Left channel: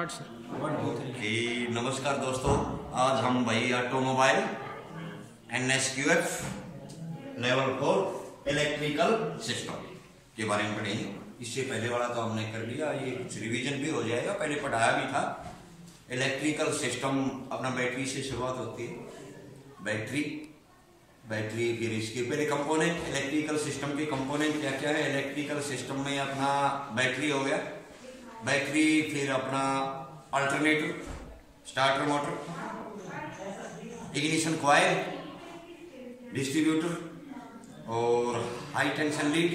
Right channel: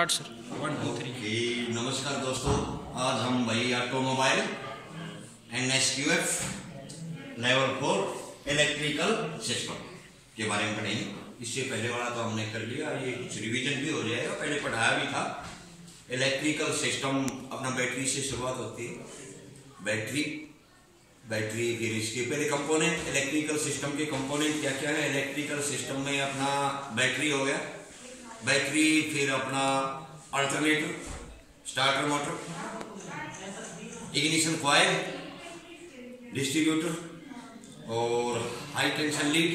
Start sir. 1 2 3। नमस्कार दोस्तों, आज हम भाई automobile NSQF level 4 electrical system के बारे में पढ़ेंगे। इससे पहले वाला तो हमने कर लिया, ये कुछ रिवीजन भी हो जाएगा, पहले पढ़ाया भी था। इलेक्ट्रिकल सिस्टम अपना बैटरी से शुरुआत होती है। बैटरी फिर इसके पहले कंपोनेंट, इलेक्ट्रिकल सिस्टम के कंपोनेंट क्या क्या है। इलेक्ट्रिकल सिस्टम में अपना बैटरी हो गया, बैटरी फिर अपना alternator, starter motor, ignition coil, distributor और हाई टेंशन लीड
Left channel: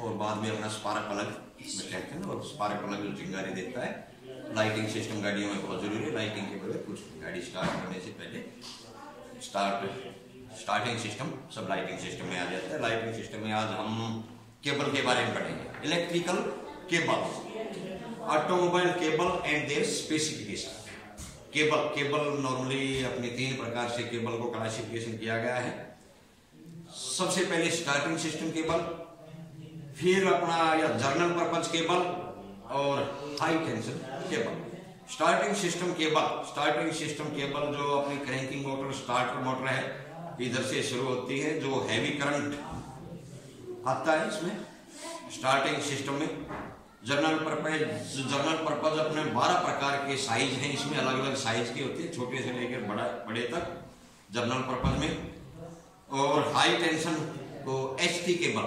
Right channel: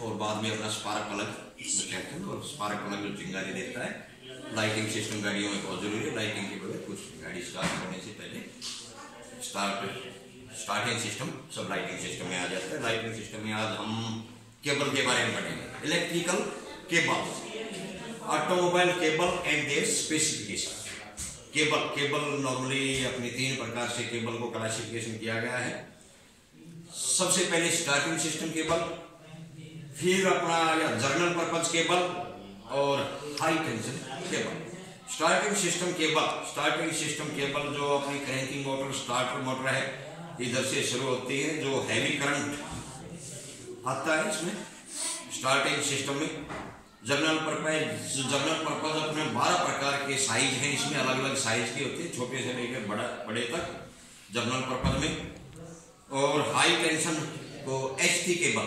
और बाद में अपना स्पार्क प्लग कहते हैं ना। और स्पार्क प्लग जो चिंगारी देता है। लाइटिंग सिस्टम गाड़ियों में बहुत जरूरी है, लाइटिंग के बगैर कुछ गाड़ी स्टार्ट करने से पहले स्टार्टिंग सिस्टम सब लाइटिंग सिस्टम में आ जाता है। लाइटिंग सिस्टम में आज हम केबल के बारे में पढ़ेंगे। Electrical cable, automobile cable and their specification. Cable normally अपनी 3 प्रकार से केबल को क्लासिफिकेशन किया गया है। सबसे पहले स्टार्टिंग सिस्टम केबल, फिर अपना या जर्नल पर्पज केबल और high tension cable. Starting system cable जो अपनी क्रैंकिंग मोटर, स्टार्टर मोटर है, इधर से शुरू होती है। जो हैवी करंट आता है इसमें स्टार्टिंग सिस्टम में। जर्नल पर्पज अपने 12 प्रकार के साइज हैं, इसमें अलग अलग साइज की होती है, छोटे से लेकर बड़े तक जर्नल पर्पज में। और हाई टेंशन को HT cable,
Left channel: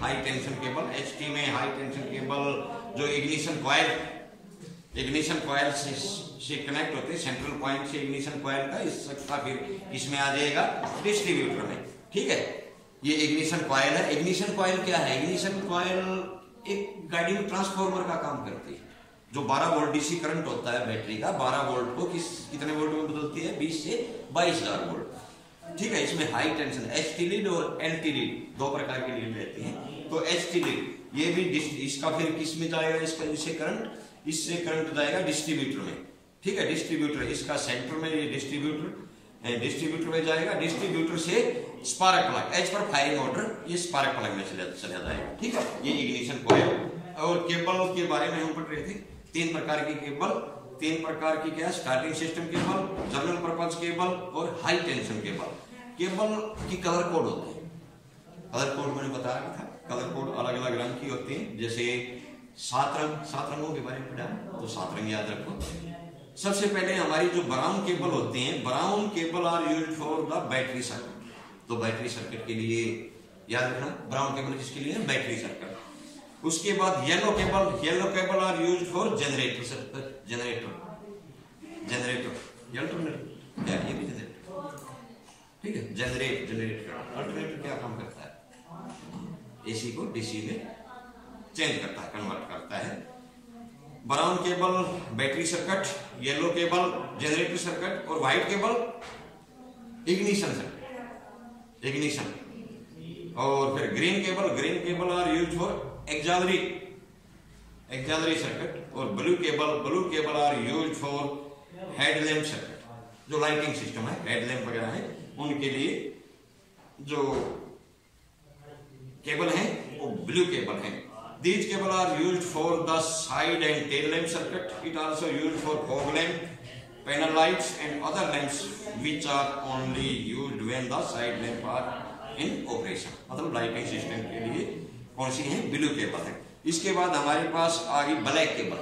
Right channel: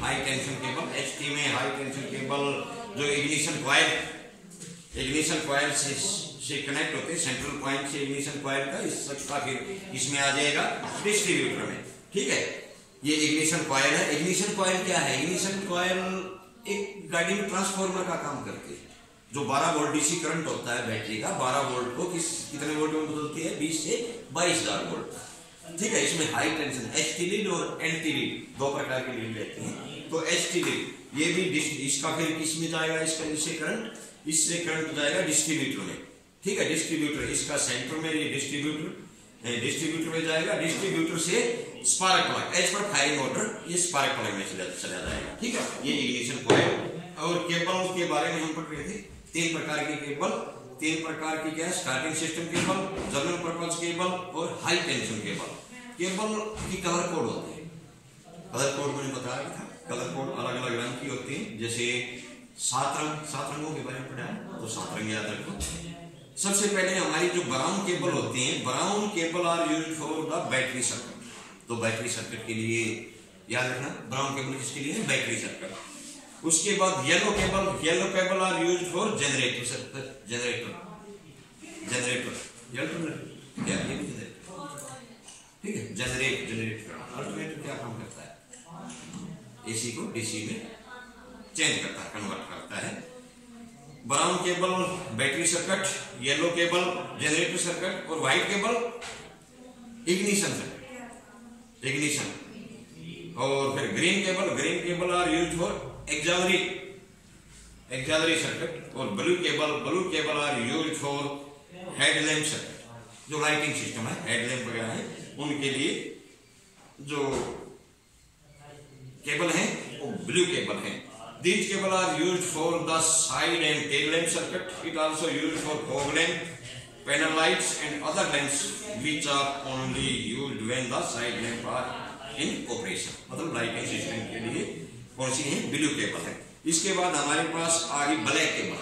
high tension cable. HT में हाई टेंशन केबल जो इग्निशन कॉइल से कनेक्ट होते हैं, सेंट्रल पॉइंट से इग्निशन कॉइल का इसका फिर इसमें आ जाएगा डिस्ट्रीब्यूटर में। ठीक है, ये इग्निशन कॉइल है। इग्निशन कॉइल क्या है? इग्निशन कॉइल एक गाड़ी में ट्रांसफार्मर का काम करती है। जो 12 वोल्ट डीसी करंट होता है बैटरी का, 12 वोल्ट को कितने वोल्ट में बदलती है? 20 से 22,000 वोल्ट। ठीक है, इसमें हाई टेंशन HT लीड और LT लीड 2 प्रकार की लीड रहती हैं। तो HT लीड ये भी इसका फिर किस में जाएगा? इससे करंट जाएगा डिस्ट्रीब्यूटर में। ठीक है, डिस्ट्रीब्यूटर इसका सेंटर में, ये डिस्ट्रीब्यूटर में जाएगा। डिस्ट्रीब्यूटर से spark plug, as per firing motor, ये स्पार्क प्लग में चला जाएगा। ठीक है, ये इग्निशन कॉइल। और केबल के बारे में हम पढ़ रहे थे। 3 प्रकार की केबल, 3 प्रकार की क्या? Starting system cable, journal purpose cable और हाई टेंशन केबल। केबल की कलर कोड होते हैं। कलर कोड मैंने बताया था, कलर कोड अलग अलग रंग की होती है। जैसे 7 रंगों के बारे में पढ़ा, तो 7 रंग याद रखो। सबसे पहले हमारी जो ब्राउन केबल होती हैं, brown cable are used for the battery circuit. तो बैटरी सर्किट के लिए याद रखना, ब्राउन केबल किसके लिए है? Battery circuit. उसके बाद yellow cable are used for generator circuit. Generator क्या? ये भी जनरेटर। ठीक है, जनरेटर। अल्टरनेटर क्या काम करता है? AC को DC में चेंज करता है, कन्वर्ट करता है। Brown cable battery circuit, yellow cable generator circuit और व्हाइट केबल इग्निशन सर्किट, और फिर green cable are used for auxiliary circuit. और blue cable are used for headlamp circuit. जो लाइटिंग सिस्टम है, हेडलैम्प वगैरह है, उनके लिए जो केबल है वो ब्लू केबल है। These cable are used for the side and tail lamp circuit. It also used for fog lamp, panel lights and other lamps which are only used when the side lamp are in operation. मतलब lighting system के लिए कौन सी है? Blue cable है। इसके बाद हमारे पास आ गई ब्लैक केबल।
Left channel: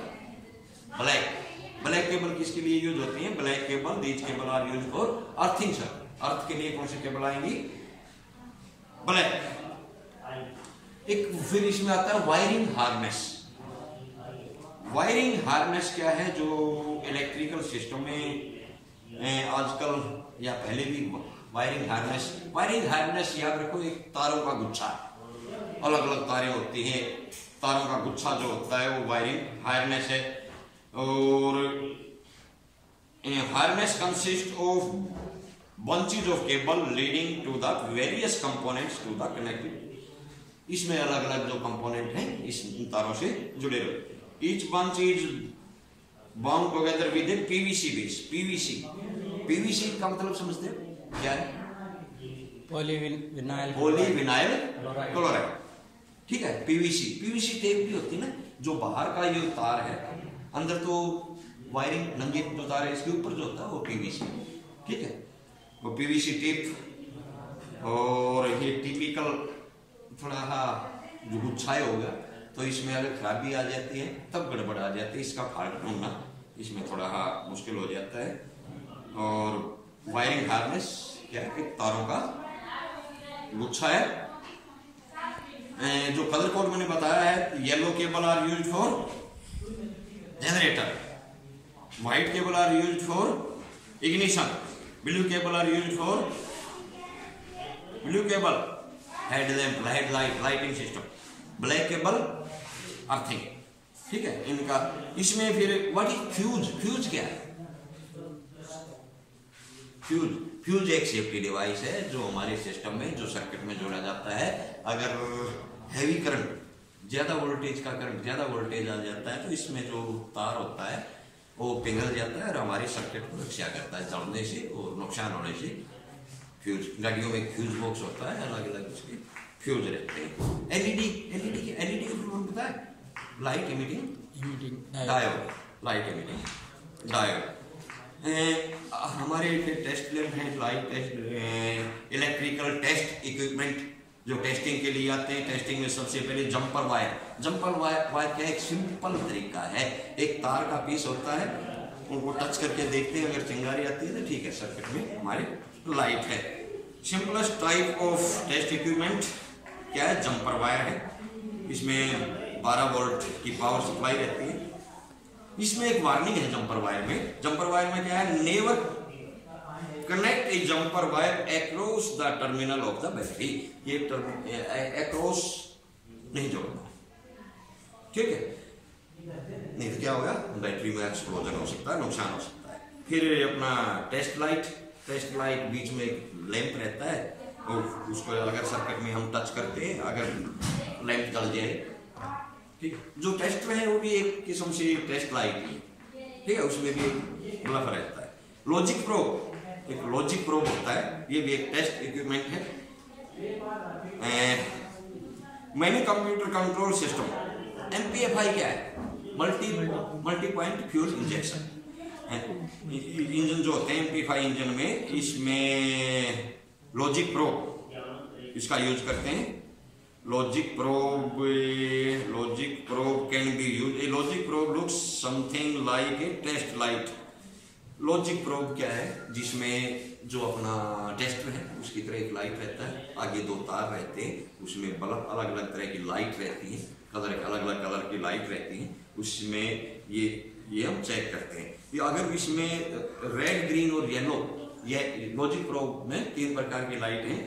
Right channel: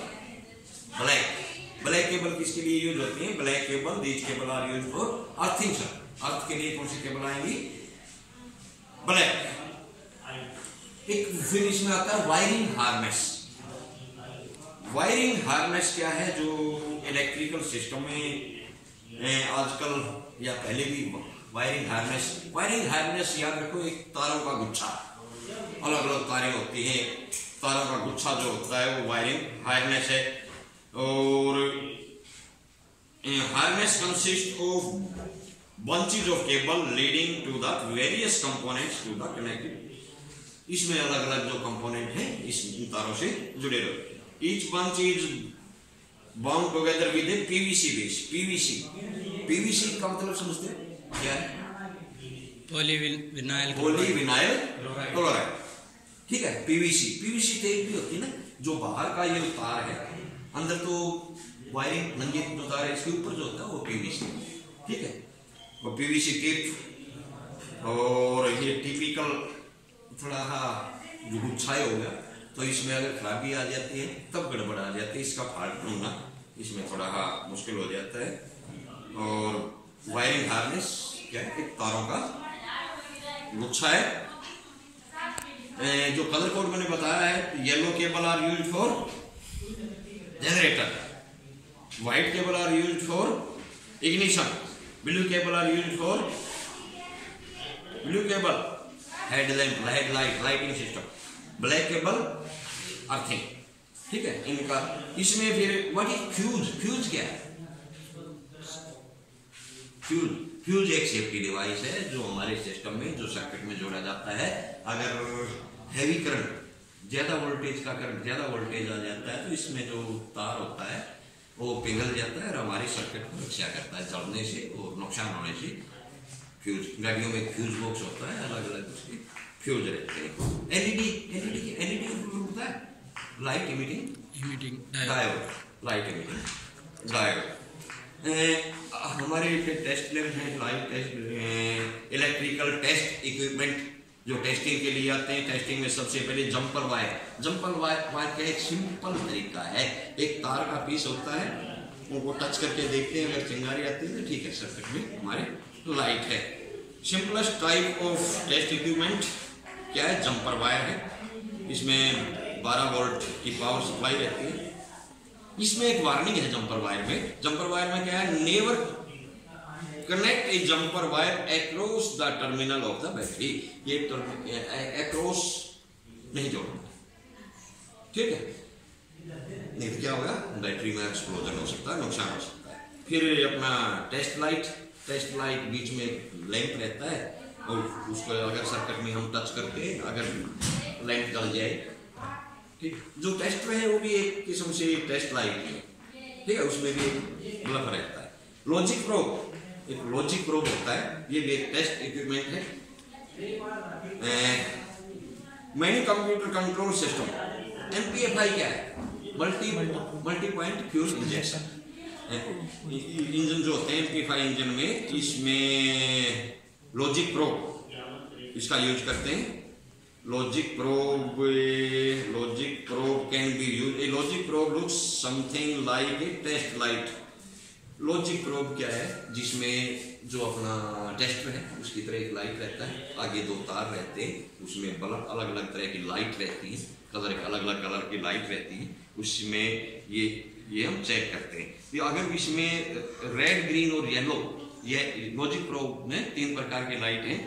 ब्लैक केबल किसके लिए यूज होती है? Black cable, these cable are used for earthing circuit. Earth के लिए कौन सी केबल आएंगी? ब्लैक। एक फिर इसमें आता है वायरिंग हार्नेस। वायरिंग हार्नेस क्या है? जो इलेक्ट्रिकल सिस्टम में आजकल या पहले भी वायरिंग हार्नेस याद रखो, एक तारों का गुच्छा, अलग अलग तारें होती हैं, तारों का गुच्छा जो होता है वो वायरिंग हार्नेस है। और harness consist of bunches of cable leading to the various components to the connected. इसमें अलग अलग जो कंपोनेंट हैं इस तारों से जुड़े रहते हैं। Each bunch is bound together with A PVC base. PVC का मतलब समझते हो क्या है? Polyvinyl chloride. ठीक है, PVC टेप भी होती है ना, जो बाहर का ये तार है अंदर तो वायरिंग नंगे जो तार है इसके ऊपर जो होता है वो पीवीसी, ठीक है, वो पीवीसी टेप। और ये टिपिकल थोड़ा सा जो गुच्छाए हो गया, तो इसमें अगर खराबी आ जाती है तब गड़बड़ आ जाती है, इसका फाल्ट ढूंढना इसमें थोड़ा सा मुश्किल हो जाता है। और वायरिंग हार्नेस क्या है, एक तारों का गुच्छा है। जो कलर कोड मैंने बताया है, yellow cable are used for generator, white cable are used for ignition, blue cable are used for blue cable headlamp headlight lighting system, black cable earthing, ठीक है इनका। इसमें फिर व्हाट इज फ्यूज, फ्यूज क्या है? फ्यूज एक safety device है जो हमारे सिस्टम में जो सर्किट में जोड़ा जाता है। अगर हैवी करंट, ज्यादा वोल्टेज का करंट, ज्यादा वोल्टेज आ जाता है तो इसमें जो तार होता है वो पिघल जाता है और हमारे सर्किट को रक्षा करता है जलने से और नुकसान होने से। फ्यूज, गाड़ियों में फ्यूज बॉक्स होता है, अलग अलग उसके फ्यूज रहते हैं। एलईडी का पता है? Light emitting diode, light emitting diode. हमारे फिर टेस्ट लैब है, light test, electrical test equipment जो टेस्टिंग के लिए आते हैं। टेस्टिंग में सबसे पहले जंपर वायर, जंपर वायर क्या है? एक सिंपल तरीका है, एक तार का पीस होता है, उनको टच करके देखते हैं, अगर चिंगारी आती है तो ठीक है, सर्किट में हमारे लाइट है। Simplest type of test equipment क्या है? जंपर वायर है। इसमें 12 वोल्ट की पावर सप्लाई रहती है। इसमें एक वार्निंग है जंपर वायर में। जंपर वायर में क्या है? Never connect A jumper wire across the terminal of the battery. ये अक्रॉस नहीं जोड़ना, ठीक है, नहीं तो क्या होगा? बैटरी में एक्सप्लोजन हो सकता है, नुकसान हो सकता है। फिर अपना टेस्ट लाइट बीच में एक लैंप रहता है और उसको अगर सर्किट में हम टच करते हैं, अगर लैंप जल जाए, ठीक, जो टेस्टर है वो भी एक किस्म से टेस्ट लाइट है, ठीक है, उसमें भी एक बल्ब रहता है। लॉजिक प्रोब, एक लॉजिक प्रोब होता है, ये भी एक टेस्ट इक्विपमेंट है। मैनी कंप्यूटर कंट्रोल सिस्टम, एमपीएफआई क्या है? Multi point fuel injection. Engine जो होते हैं एमपीएफआई इंजन में, इसमें लॉजिक प्रोब इसका यूज करते हैं। Logic probe can be use, a logic probe looks something like a test light. Logic probe क्या है? जिसमें जो अपना टेस्टर है उसकी तरह एक लाइट रहता है, आगे 2 तार रहते हैं, उसमें बल्ब अलग अलग तरह की लाइट रहती है, अलग अलग कलर की लाइट रहती है, उसमें ये हम चेक करते हैं। अगर इसमें रेड, ग्रीन और येलो, ये लॉजिक प्रोब में 3 प्रकार की लाइट हैं,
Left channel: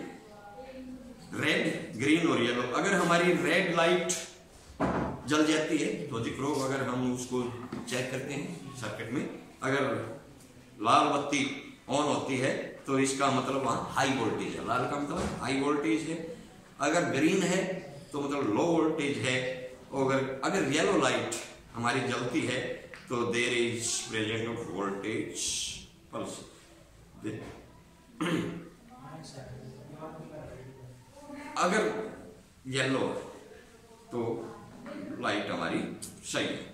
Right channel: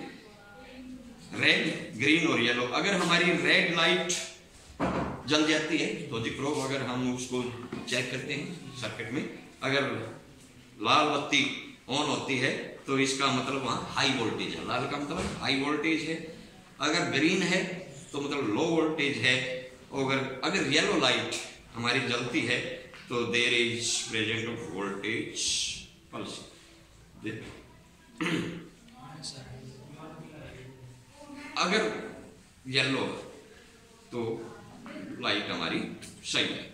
रेड, ग्रीन और येलो। अगर हमारी रेड लाइट जल जाती है, लॉजिक प्रोब अगर हम उसको चेक करते हैं सर्किट में, अगर लाल बत्ती ऑन होती है तो इसका मतलब वहां हाई वोल्टेज है, लाल का मतलब हाई वोल्टेज है। अगर ग्रीन है तो मतलब लो वोल्टेज है। और अगर येलो लाइट हमारी जलती है तो there is present of voltage pulse. अगर येलो है तो लाइट हमारी सही है।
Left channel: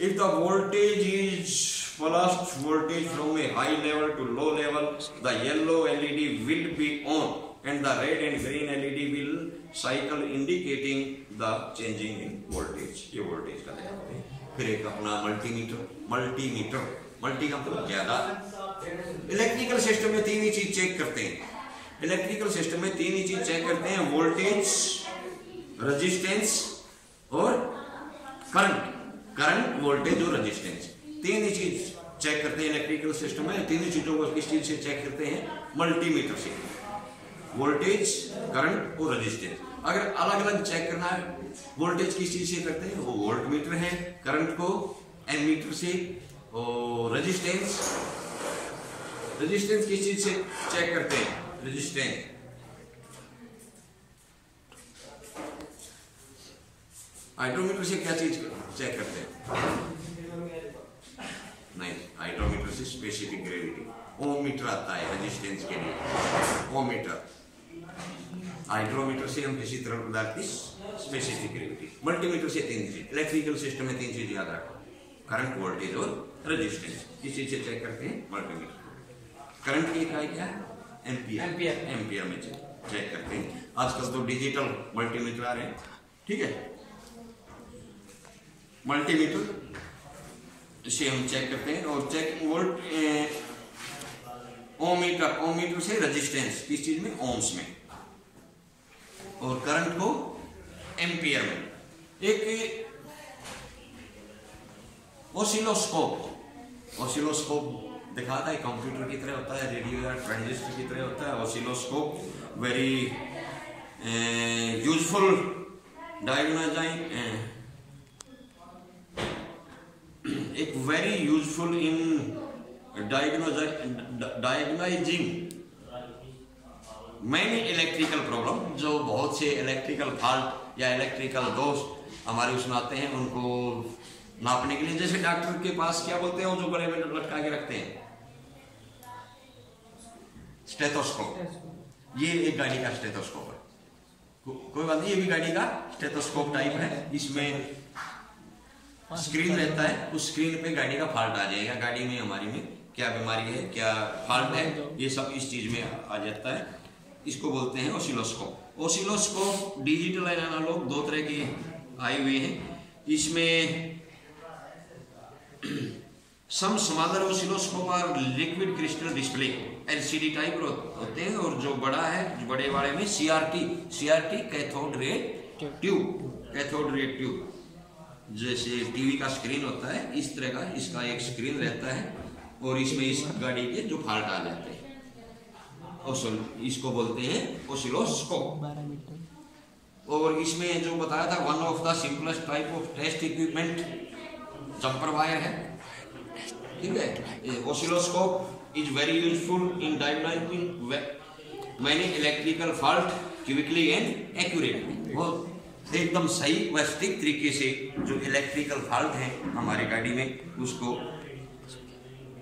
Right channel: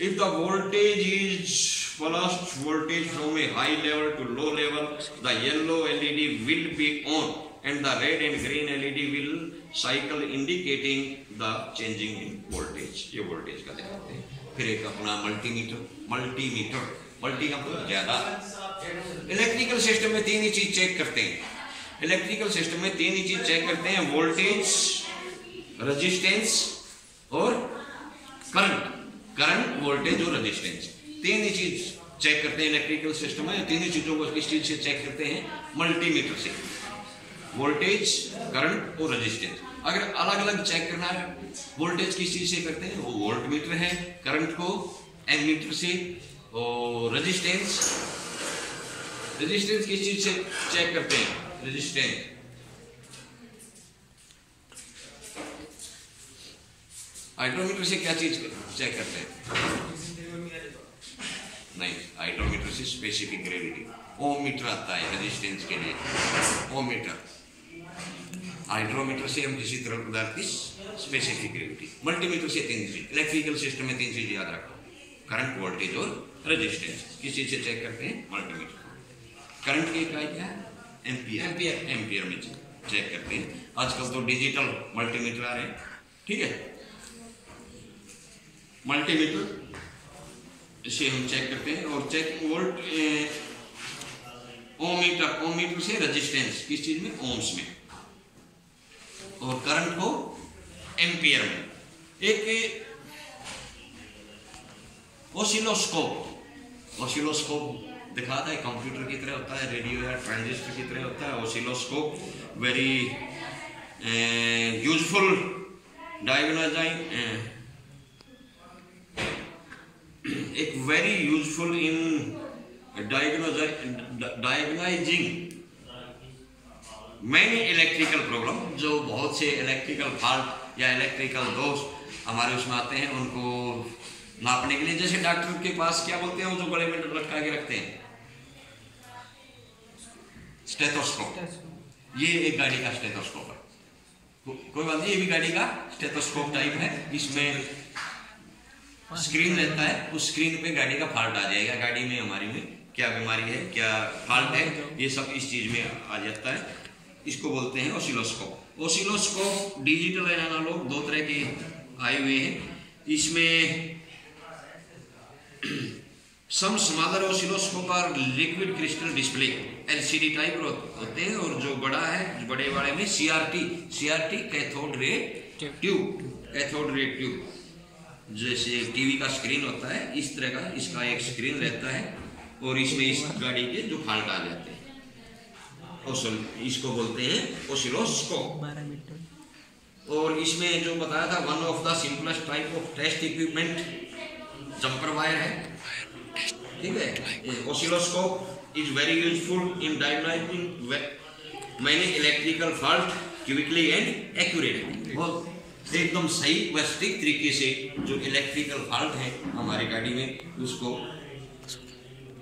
If the voltage is fluctuates voltage from a high level to low level, the yellow LED will be on and the red and green LED will cycle indicating the changing in voltage। ये voltage का दिखाते हैं। फिर एक अपना multimeter का मतलब ज्यादा। इलेक्ट्रिकल सिस्टम में 3 ही चीज चेक करते हैं। इलेक्ट्रिकल सिस्टम में 3 ही चीज चेक करते हैं, वोल्टेज, रेजिस्टेंस और करंट, वोल्टेज और रेजिस्टेंस, 3 ही चीज चेक करते हैं इलेक्ट्रिकल सिस्टम में। 3 ही चीजों को किस चीज से चेक करते हैं? मल्टीमीटर से, वोल्टेज, करंट और रेजिस्टेंस। अगर अलग अलग चेक करना है, वोल्टेज किस चीज से करते हैं? वो वोल्ट मीटर है, करंट को एमीटर से, और रेजिस्टेंस किस चीज से चेक करते हैं? रेजिस्टेंस हाइड्रोमीटर से क्या चीज चेक करते हैं? नहीं, हाइड्रोमीटर से स्पेसिफिक ग्रेविटी। ओम मीटर आता है रेजिस्टेंस के लिए, ओम मीटर। हाइड्रोमीटर से हम किसी तरह पदार्थ की स्पेसिफिक ग्रेविटी। मल्टीमीटर से 3 चीज, इलेक्ट्रिकल सिस्टम में 3 चीज याद रखो। करंट, वोल्टेज और रेजिस्टेंस। किस चीज से चेक करते हैं? मल्टीमीटर। करंट की इकाई क्या है? एम्पियर। एम्पियर में चेक करते हैं। आजकल तो डिजिटल मल्टीमीटर आ रहे हैं, ठीक है। मल्टीमीटर से हम चेक करते हैं और चेक वोल्ट ओमीटर से रेजिस्टेंस किस चीज में? ओम्स में, और करंट को एम्पियर में। एक ओसिलोस्कोप दिखाता है, कंप्यूटर की तरह होता है, रेडियो या ट्रांजिस्टर की तरह होता है। ओसिलोस्कोप वेरी यूजफुल एक very useful in diagnosing many electrical problem. जो बहुत से इलेक्ट्रिकल फॉल्ट या इलेक्ट्रिकल दोष हमारे उसमें आते हैं, उनको नापने के लिए। जैसे डॉक्टर के पास क्या बोलते हैं वो जो बड़े में लटका के रखते हैं? स्टेथोस्कोप। ये एक गाड़ी का स्टेथोस्कोप है, कोई बात नहीं, ये भी गाड़ी का स्टेथोस्कोप टाइप है। इसमें स्क्रीन रहता है, उस स्क्रीन पे गाड़ी का फॉल्ट आ जाएगा, गाड़ी में हमारी में क्या बीमारी है, क्या फॉल्ट है, ये सब इस चीज में आ जाता है। इसको बोलते हैं oscilloscope. Oscilloscope digital and analog दो तरह के आए हुए हैं। इसमें सम स्मॉलर ओसिलोस्कोप और liquid crystal display LCD type होते हैं, और जो बड़ा है, बड़े वाले में सीआरटी कैथोड रे ट्यूब, जैसे टीवी का स्क्रीन होता है इस तरह का इसका एक स्क्रीन रहता है, और इसमें इस गाड़ी के जो फॉल्ट आ जाते हैं इसको बोलते हैं ओसिलोस्कोप। और इसमें जो बताया था, one of the simplest type of test equipment jumper wire है, ठीक है। Oscilloscope is very useful in diagnosing many electrical fault quickly and accurately. वो एकदम सही व सटीक तरीके से जो इलेक्ट्रिकल फॉल्ट है हमारी गाड़ी में उसको,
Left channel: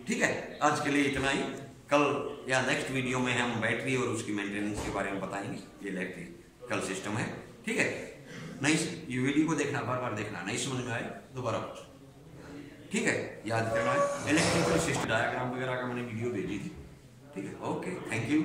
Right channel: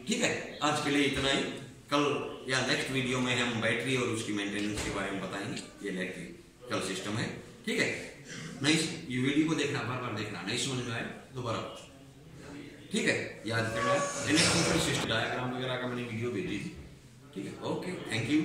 ठीक है। आज के लिए इतना ही। कल या नेक्स्ट वीडियो में हम बैटरी और उसकी मेंटेनेंस के बारे में बताएंगे। ये इलेक्ट्रिकल सिस्टम है, ठीक है। नहीं, ये वीडियो को देखना, बार बार देखना, नहीं समझ में आए दोबारा, ठीक है, याद करना है। इलेक्ट्रिकल सिस्टम डायग्राम वगैरह का मैंने वीडियो भेजी थी, ठीक है। Okay, thank you.